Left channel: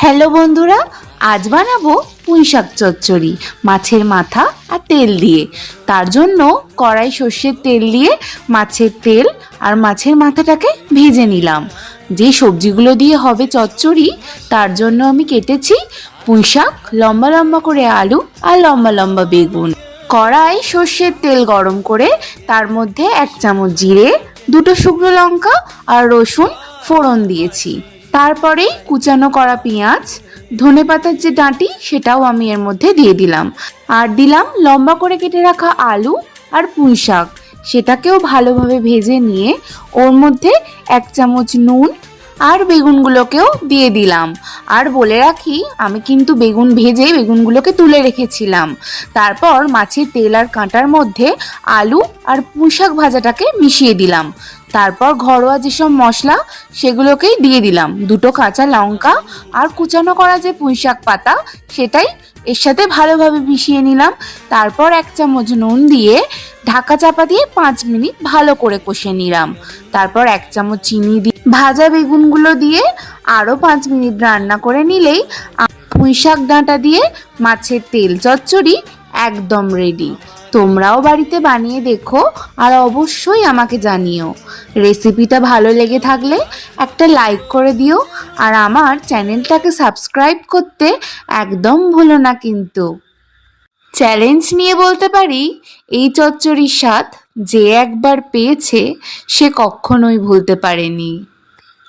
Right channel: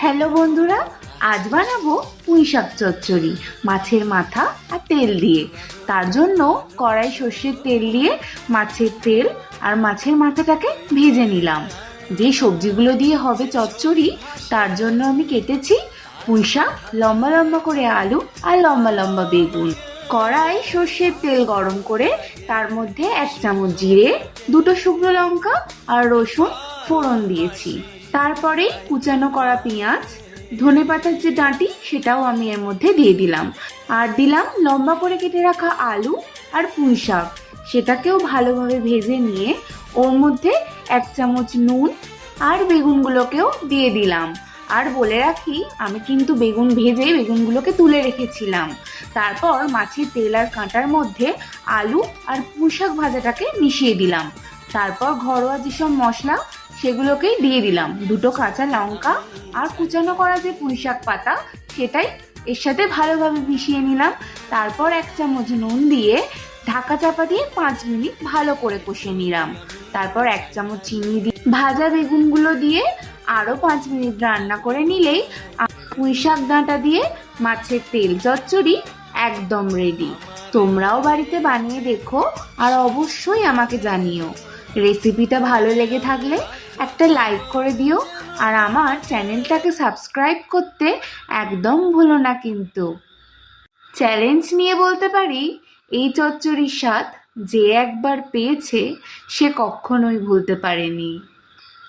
Hello বন্ধুরা, আজ বানাবো পুঁইশাক চচ্চড়ি মাছের মাথা আর তেল দিয়ে। তার জন্য কড়াই সর্ষের তেল দিয়ে মাছের তেল আর মাছের মাথাটাকে ভেজে নিলাম। যে সবজিগুলো দিয়ে হবে চচ্চড়ি তার জন্য আমি কেটেছি পুঁইশাক, লম্বা লম্বা করে আলু আর লম্বা লম্বা বেগুন। কড়াই সর্ষের তেল গরম করে তার মধ্যে 1 চামচ জিরে, 2টো শুকনো লঙ্কা আর রসুন ফোড়ন দিয়েছি। তারপরে কুচানো করা পেঁয়াজ, ধনেপাতার যে ডাঁটি সেটাও আমি এর মধ্যে দিয়ে দিলাম। আর দিলাম লম্বা করে কেটে রাখা আলু আর পুঁই শাক, সেটাকেও ভালোভাবে ভেজে নিয়ে ওর মধ্যে 1 চামচ নুন আর বেগুনগুলোকেও দিয়ে দিলাম। আর বলে রাখি, আমি কিন্তু বেগুন ভেজে বেগুনগুলোকে তুলে রেখেছিলাম। তারপর মাছের তেল আর কাঁটার মধ্যে আলু আর পুঁই শাক ভাজাটাকে মিশিয়ে দিলাম। তারপর ঘরোয়া যেসব মশলা সেগুলোকেই দিয়ে দিলাম, 2টো কাঁচা লঙ্কা আর কুচানো করা যে পুঁই শাক পাতা সেটাই এর সাথে ভালোভাবে মিশিয়ে নিলাম। তারপর 1 চামচ নুন দিয়ে ঢাকা চাপা দিয়ে 5 মিনিট ভালো করে কষে নিলাম। তারপর 1 চামচ চিনি দিয়ে ভাজা বেগুনগুলো দিয়ে আরও 5 মিনিট রান্না করে নিলেই পুঁই শাক ডাঁটা দিয়ে মাছের তেল চচ্চড়ি একদম রেডি। তোমরাও বাড়িতে বানিয়ে দেখো আর অবশ্যই আমাকে জানিও। রেসিপিটা ভালো লেগে থাকলে একটা লাইক করে দিও আর আমার চ্যানেলটাকে সাবস্ক্রাইব করতে একদম ভুলো না কিন্তু। চ্যালেঞ্জ নিয়ে বলতে পারি, এই চচ্চড়ির স্বাদ যে একবার পেয়েছে সে কখনোই ভুলতে পারেনি।